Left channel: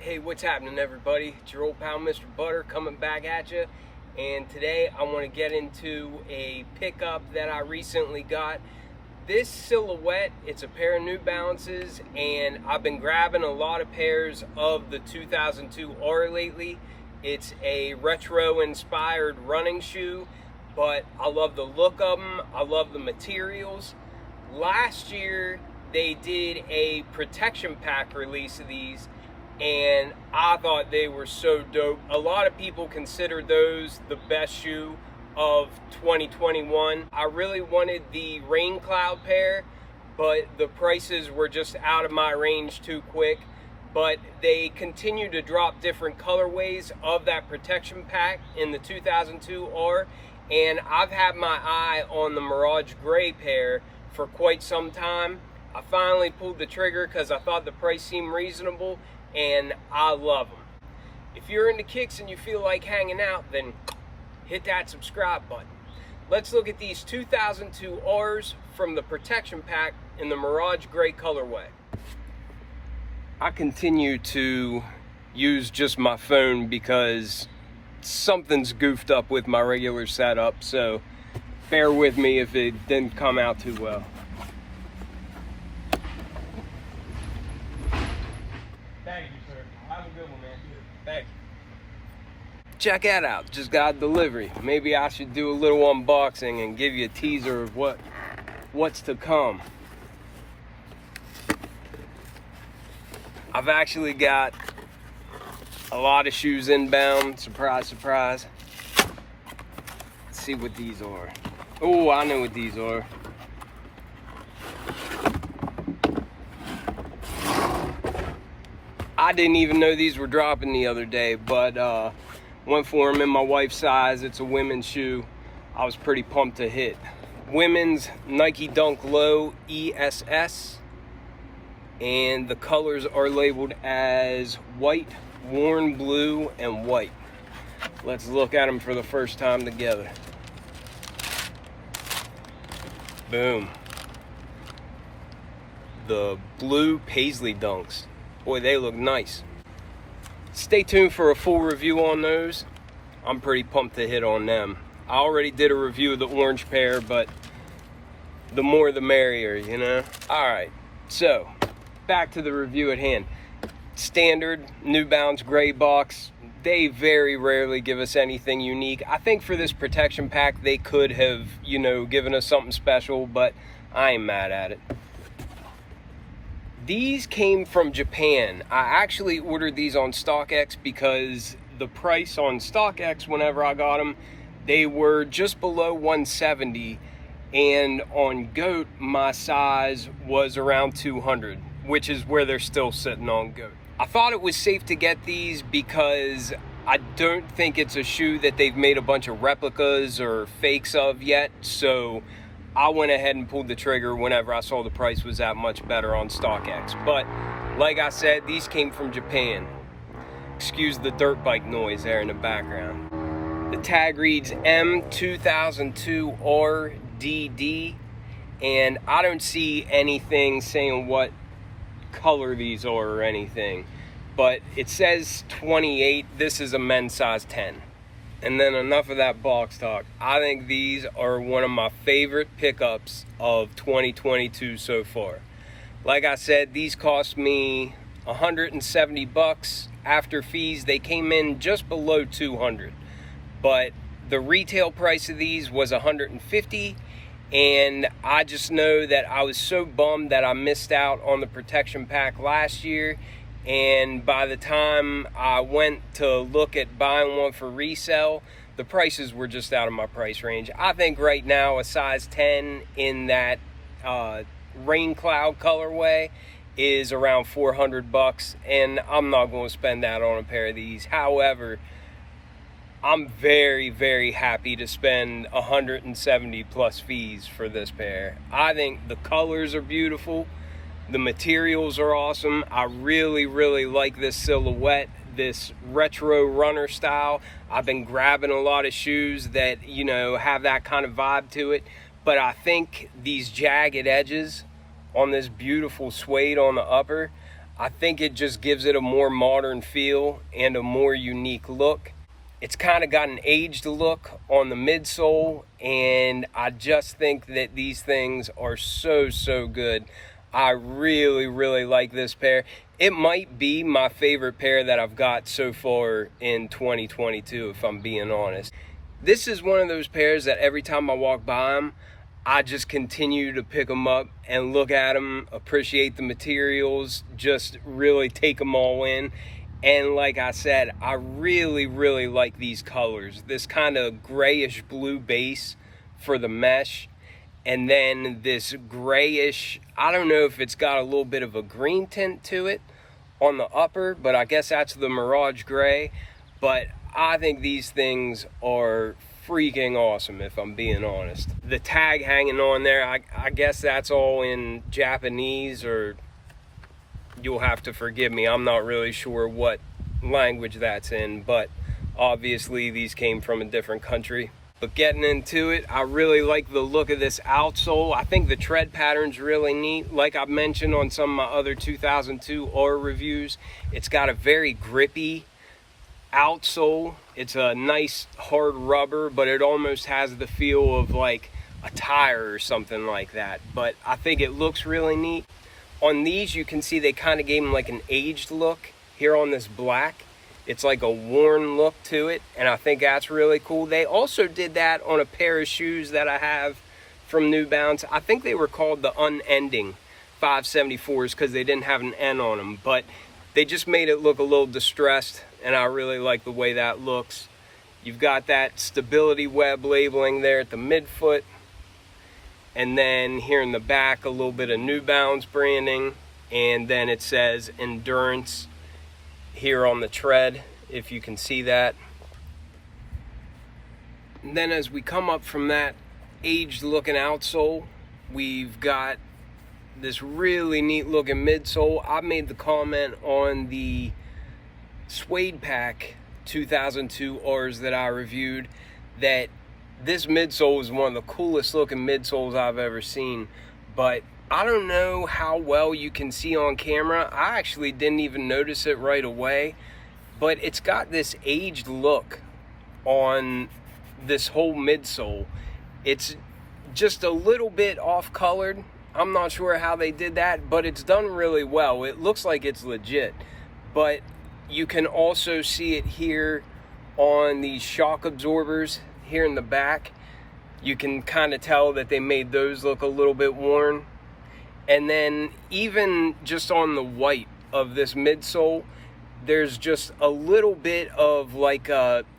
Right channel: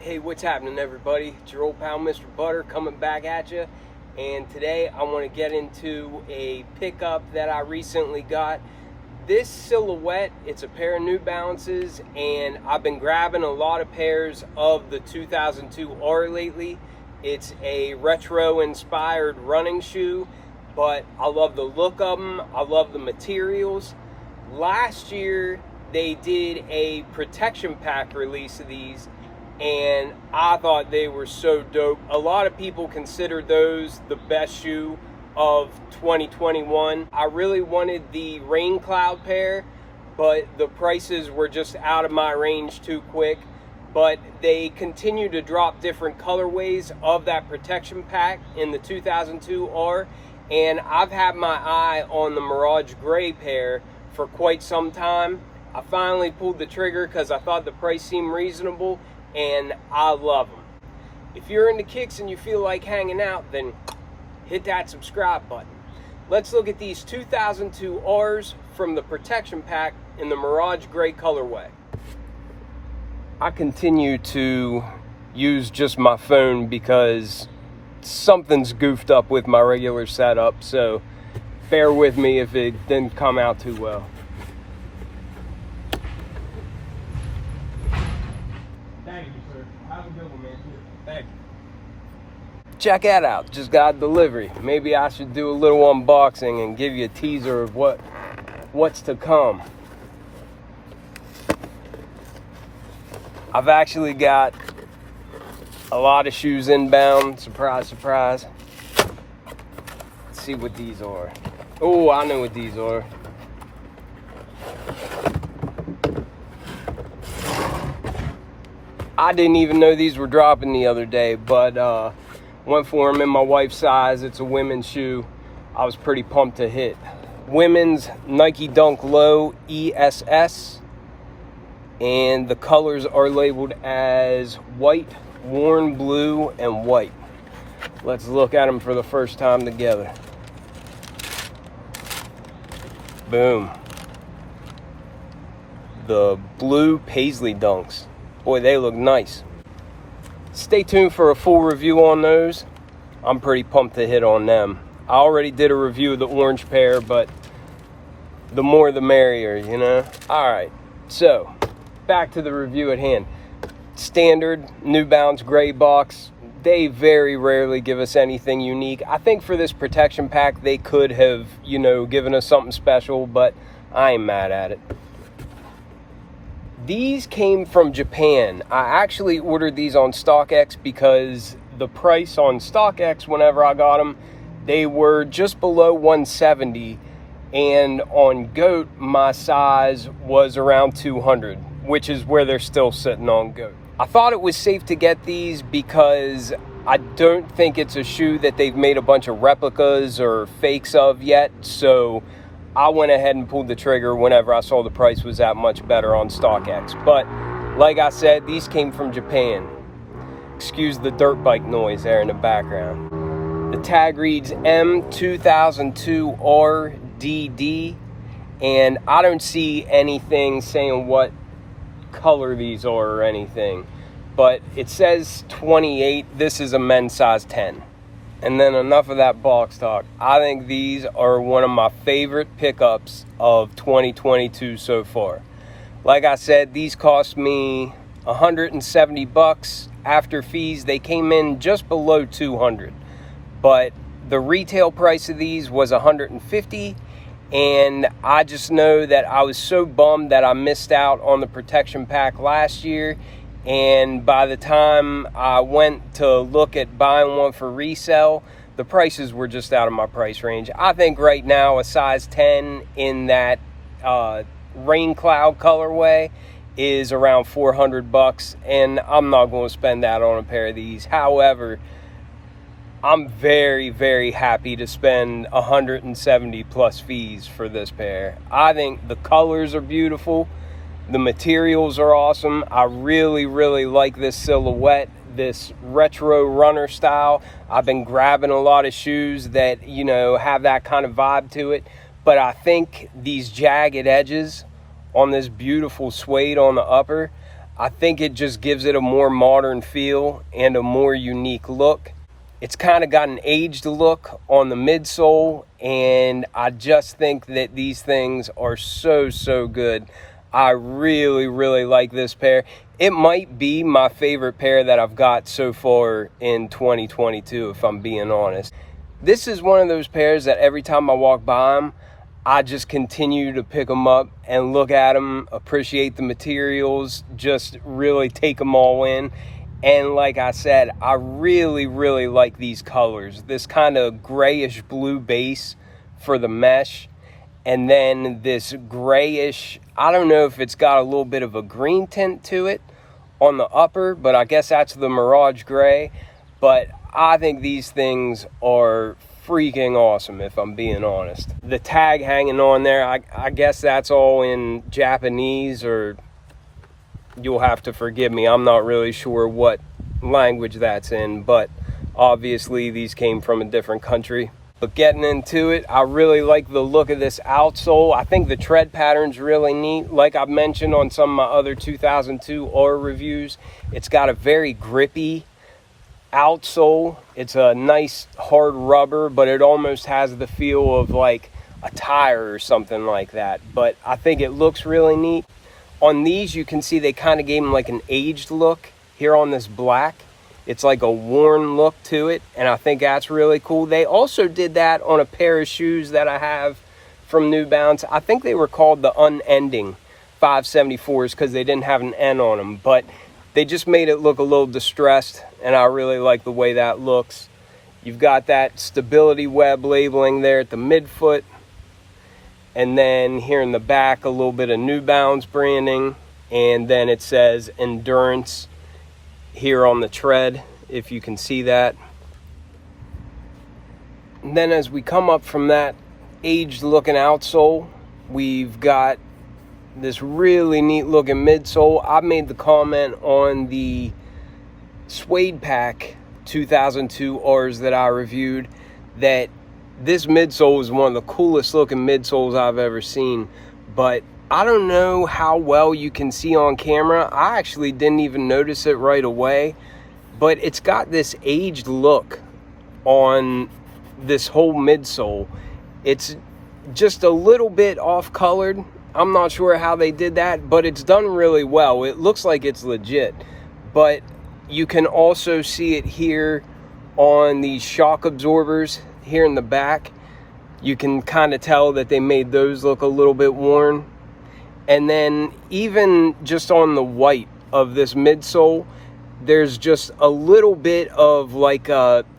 Hey, what's happening, everybody? It's your old pal Mr. Butter coming back at you, and today I want to get into a pickup that I recently got. This silhouette, it's a pair of New Balances, and I've been grabbing a lot of pairs of the 2002 R lately. It's a retro inspired running shoe, but I love the look of them. I love the materials. Last year they did a protection pack release of these, and I thought they were so dope. A lot of people consider those the best shoe of 2021. I really wanted the Rain Cloud pair, but the prices were just out of my range too quick. But they continue to drop different colorways of that protection pack in the 2002 R, and I've had my eye on the Mirage gray pair for quite some time. I finally pulled the trigger because I thought the price seemed reasonable, and I love them. If you're into kicks and you feel like hanging out, then hit that subscribe button. Let's look at these 2002 Rs from the protection pack in the Mirage gray colorway. I continue to use just my phone because something's goofed up with my regular setup, so bear with me if it didn't come out too well. Check that out, just got a delivery. Maybe I should do a little unboxing and give you a teaser of what's to come. I've actually got a lot of shoes inbound, surprise, surprise. Let's see what these are. Oh, I know what these are. I didn't even know these were dropping the other day, but went for them in my wife's size. It's a women's shoe. I was pretty pumped to hit. Women's Nike Dunk Low ESS, and the colors are labeled as white, worn blue, and white. Let's look at them for the first time together. Boom. The blue Paisley Dunks. Boy, they look nice. Stay tuned for a full review on those. I'm pretty pumped to hit on them. I already did a review of the orange pair, but the more the merrier, you know? All right, so back to the review at hand. Standard New Balance gray box. They very rarely give us anything unique. I think for this protection pack, they could have, given us something special, but I ain't mad at it. These came from Japan. I actually ordered these on StockX because the price on StockX, whenever I got them, they were just below 170, and on Goat, my size was around 200, which is where they're still sitting on Goat. I thought it was safe to get these because I don't think it's a shoe that they've made a bunch of replicas or fakes of yet, so I went ahead and pulled the trigger whenever I saw the price was that much better on StockX. But like I said, these came from Japan. Excuse the dirt bike noise there in the background. The tag reads M2002RDD, and I don't see anything saying what color these are or anything, but it says 28. This is a men's size 10. And then enough of that box talk. I think these are one of my favorite pickups of 2022 so far. Like I said, these cost me $170 after fees. They came in just below 200, but the retail price of these was $150, and I just know that I was so bummed that I missed out on the protection pack last year. And by the time I went to look at buying one for resale, the prices were just out of my price range. I think right now a size 10 in that Rain Cloud colorway is around $400, and I'm not going to spend that on a pair of these. However, I'm very, very happy to spend 170 plus fees for this pair. I think the colors are beautiful. The materials are awesome. I really, really like this silhouette, this retro runner style. I've been grabbing a lot of shoes that, have that kind of vibe to it. But I think these jagged edges on this beautiful suede on the upper, I think it just gives it a more modern feel and a more unique look. It's kind of got an aged look on the midsole, and I just think that these things are so good. I really like this pair. It might be my favorite pair that I've got so far in 2022, if I'm being honest. This is one of those pairs that every time I walk by them, I just continue to pick them up and look at them, appreciate the materials, just really take them all in. And like I said, I really like these colors. This kind of grayish blue base for the mesh, and then this grayish, I don't know if it's got a little bit of a green tint to it on the upper, but I guess that's the Mirage gray. But I think these things are freaking awesome, if I'm being honest. The tag hanging on there, I guess that's all in Japanese, or you'll have to forgive me, I'm not really sure what language that's in, but obviously these came from a different country. But getting into it, I really like the look of this outsole. I think the tread pattern's really neat. Like I've mentioned on some of my other 2002 Aura reviews, it's got a very grippy outsole. It's a nice hard rubber, but it almost has the feel of like a tire or something like that. But I think it looks really neat. On these, you can see they kind of gave them like an aged look here on this black. It's like a worn look to it, and I think that's really cool. They also did that on a pair of shoes that I have from New Balance. I think they were called the Unending 574s because they didn't have an N on them, but they just made it look a little distressed, and I really like the way that looks. You've got that stability web labeling there at the midfoot. And then here in the back, a little bit of New Balance branding. And then it says Endurance here on the tread, if you can see that. And then as we come up from that aged looking outsole, we've got this really neat looking midsole. I made the comment on the Suede Pack 2002 Rs that I reviewed that this midsole is one of the coolest looking midsoles I've ever seen, but I don't know how well you can see on camera. I actually didn't even notice it right away, but it's got this aged look on this whole midsole. It's just a little bit off colored. I'm not sure how they did that, but it's done really well. It looks like it's legit, but you can also see it here on these shock absorbers here in the back. You can kind of tell that they made those look a little bit worn. And then even just on the white of this midsole, there's just a little bit of like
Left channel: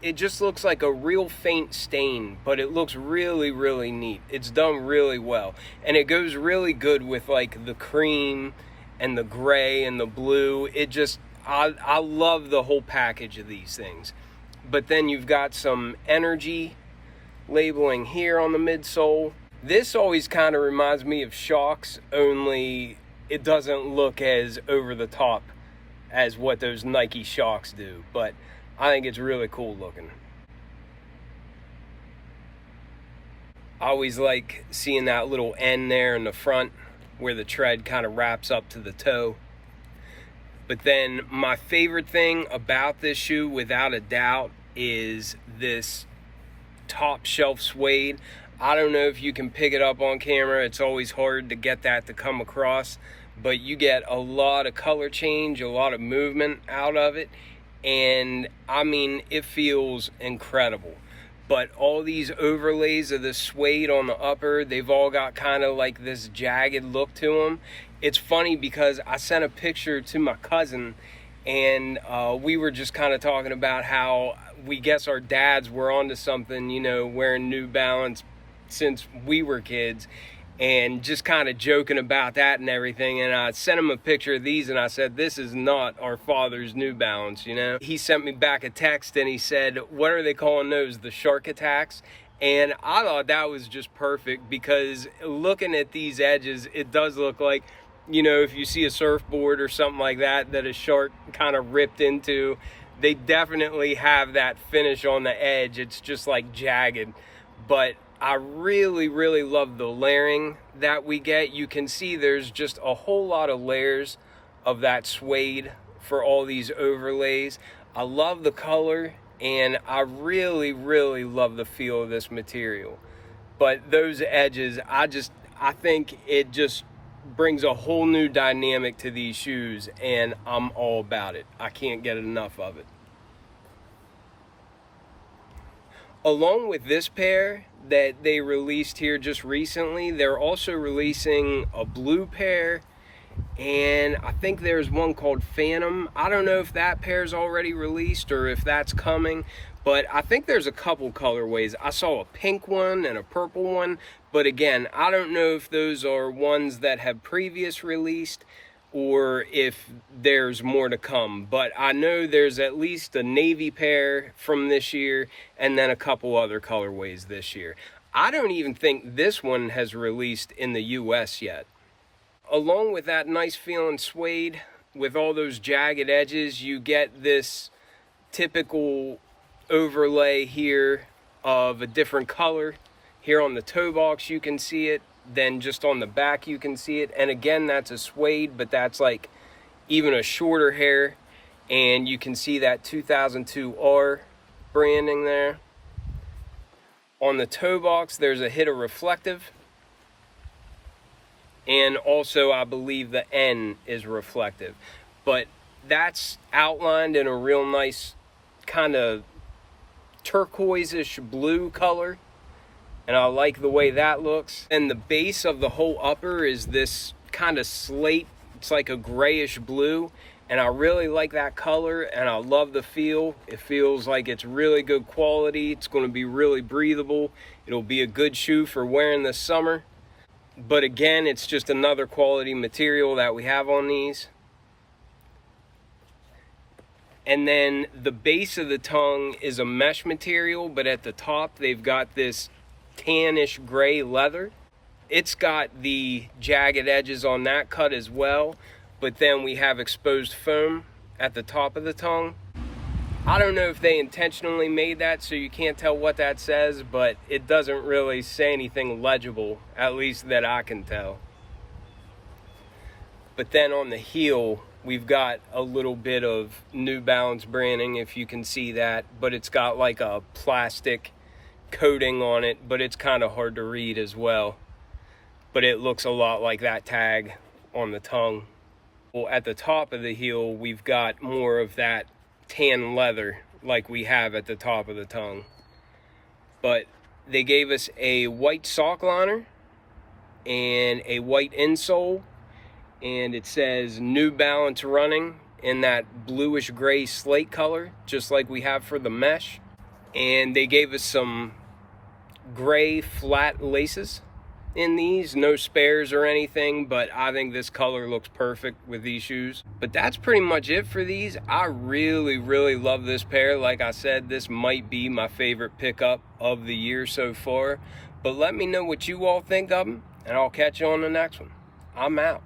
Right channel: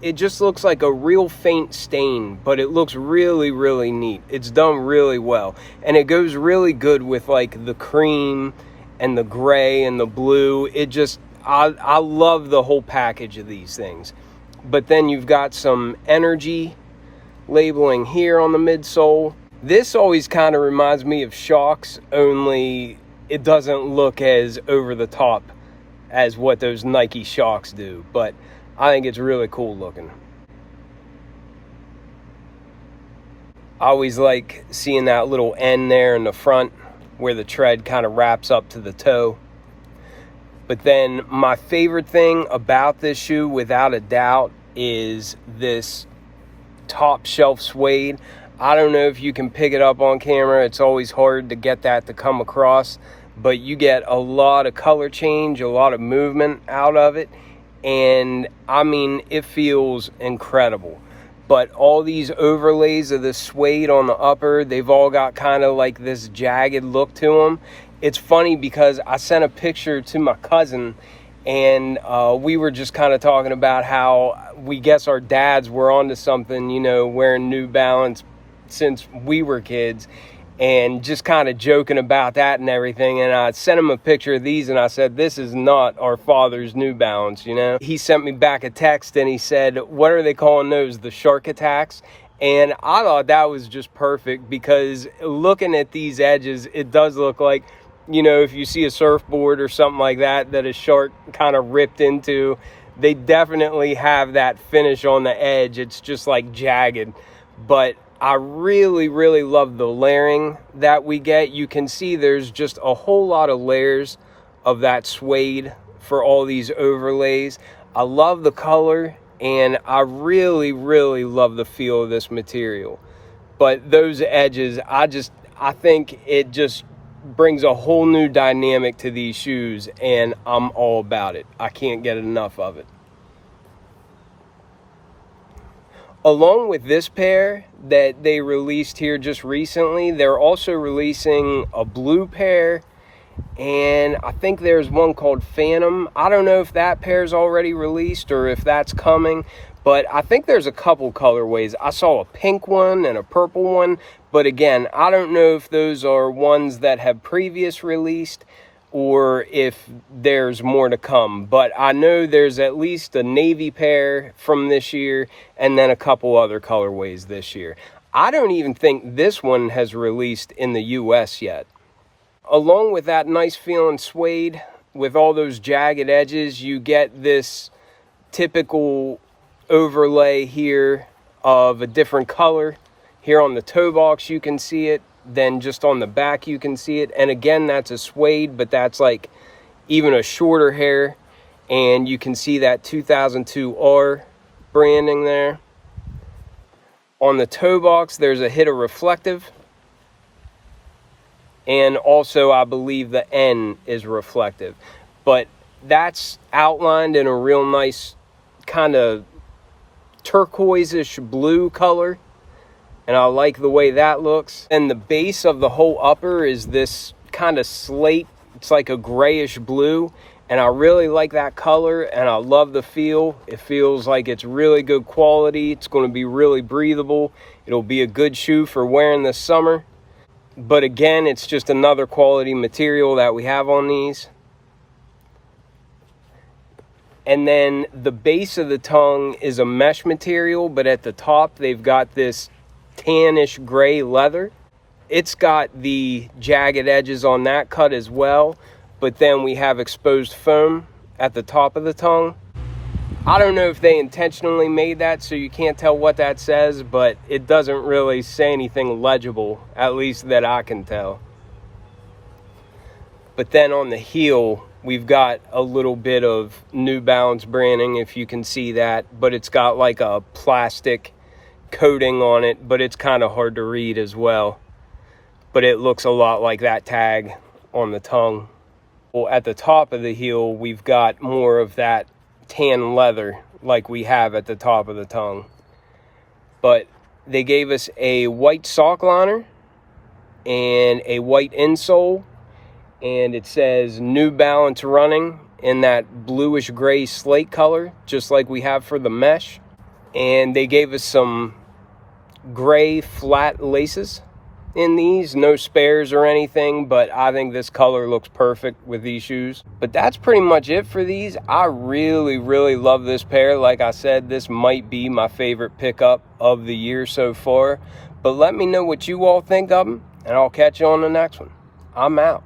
it just looks like a real faint stain, but it looks really neat. It's done really well, and it goes really good with like the cream and the gray and the blue. It just, I love the whole package of these things. But then you've got some energy labeling here on the midsole. This always kind of reminds me of Shocks, only it doesn't look as over the top as what those Nike Shocks do, but I think it's really cool looking. I always like seeing that little N there in the front where the tread kind of wraps up to the toe. But then my favorite thing about this shoe, without a doubt, is this top shelf suede. I don't know if you can pick it up on camera. It's always hard to get that to come across, but you get a lot of color change, a lot of movement out of it, and I mean, it feels incredible. But all these overlays of the suede on the upper, they've all got kind of like this jagged look to them. It's funny because I sent a picture to my cousin, and we were just kind of talking about how we guess our dads were onto something, you know, wearing New Balance since we were kids, and just kind of joking about that and everything. And I sent him a picture of these, and I said, this is not our father's New Balance, you know. He sent me back a text, and he said, what are they calling those, the shark attacks? And I thought that was just perfect, because looking at these edges, it does look like, you know, if you see a surfboard or something like that that a shark kind of ripped into, they definitely have that finish on the edge. It's just like jagged. But I really love the layering that we get. You can see there's just a whole lot of layers of that suede for all these overlays. I love the color, and I really, really love the feel of this material. But those edges, I think it just brings a whole new dynamic to these shoes, and I'm all about it. I can't get enough of it. Along with this pair that they released here just recently, they're also releasing a blue pair, and I think there's one called Phantom. I don't know if that pair's already released or if that's coming, but I think there's a couple colorways. I saw a pink one and a purple one, but again, I don't know if those are ones that have previous released or if there's more to come. But I know there's at least a navy pair from this year and then a couple other colorways this year. I don't even think this one has released in the US yet. Along with that nice feeling suede with all those jagged edges, you get this typical overlay here of a different color. Here on the toe box you can see it, then just on the back you can see it, and again that's a suede, but that's like even a shorter hair, and you can see that 2002R branding there. On the toe box there's a hit of reflective, and also I believe the N is reflective, but that's outlined in a real nice kind of turquoise-ish blue color, and I like the way that looks. And the base of the whole upper is this kind of slate, it's like a grayish blue, and I really like that color, and I love the feel. It feels like it's really good quality. It's going to be really breathable. It'll be a good shoe for wearing this summer. But again, it's just another quality material that we have on these. And then the base of the tongue is a mesh material, but at the top they've got this tannish gray leather. It's got the jagged edges on that cut as well, but then we have exposed foam at the top of the tongue. I don't know if they intentionally made that so you can't tell what that says, but it doesn't really say anything legible, at least that I can tell. But then on the heel, we've got a little bit of New Balance branding, if you can see that, but it's got like a plastic coating on it, but it's kind of hard to read as well. But it looks a lot like that tag on the tongue. Well, at the top of the heel, we've got more of that tan leather like we have at the top of the tongue. But they gave us a white sock liner and a white insole, and it says New Balance Running in that bluish gray slate color, just like we have for the mesh. And they gave us some gray flat laces in these, no spares or anything, but I think this color looks perfect with these shoes. But that's pretty much it for these. I really, really love this pair. Like I said, this might be my favorite pickup of the year so far. But let me know what you all think of them, and I'll catch you on the next one. I'm out.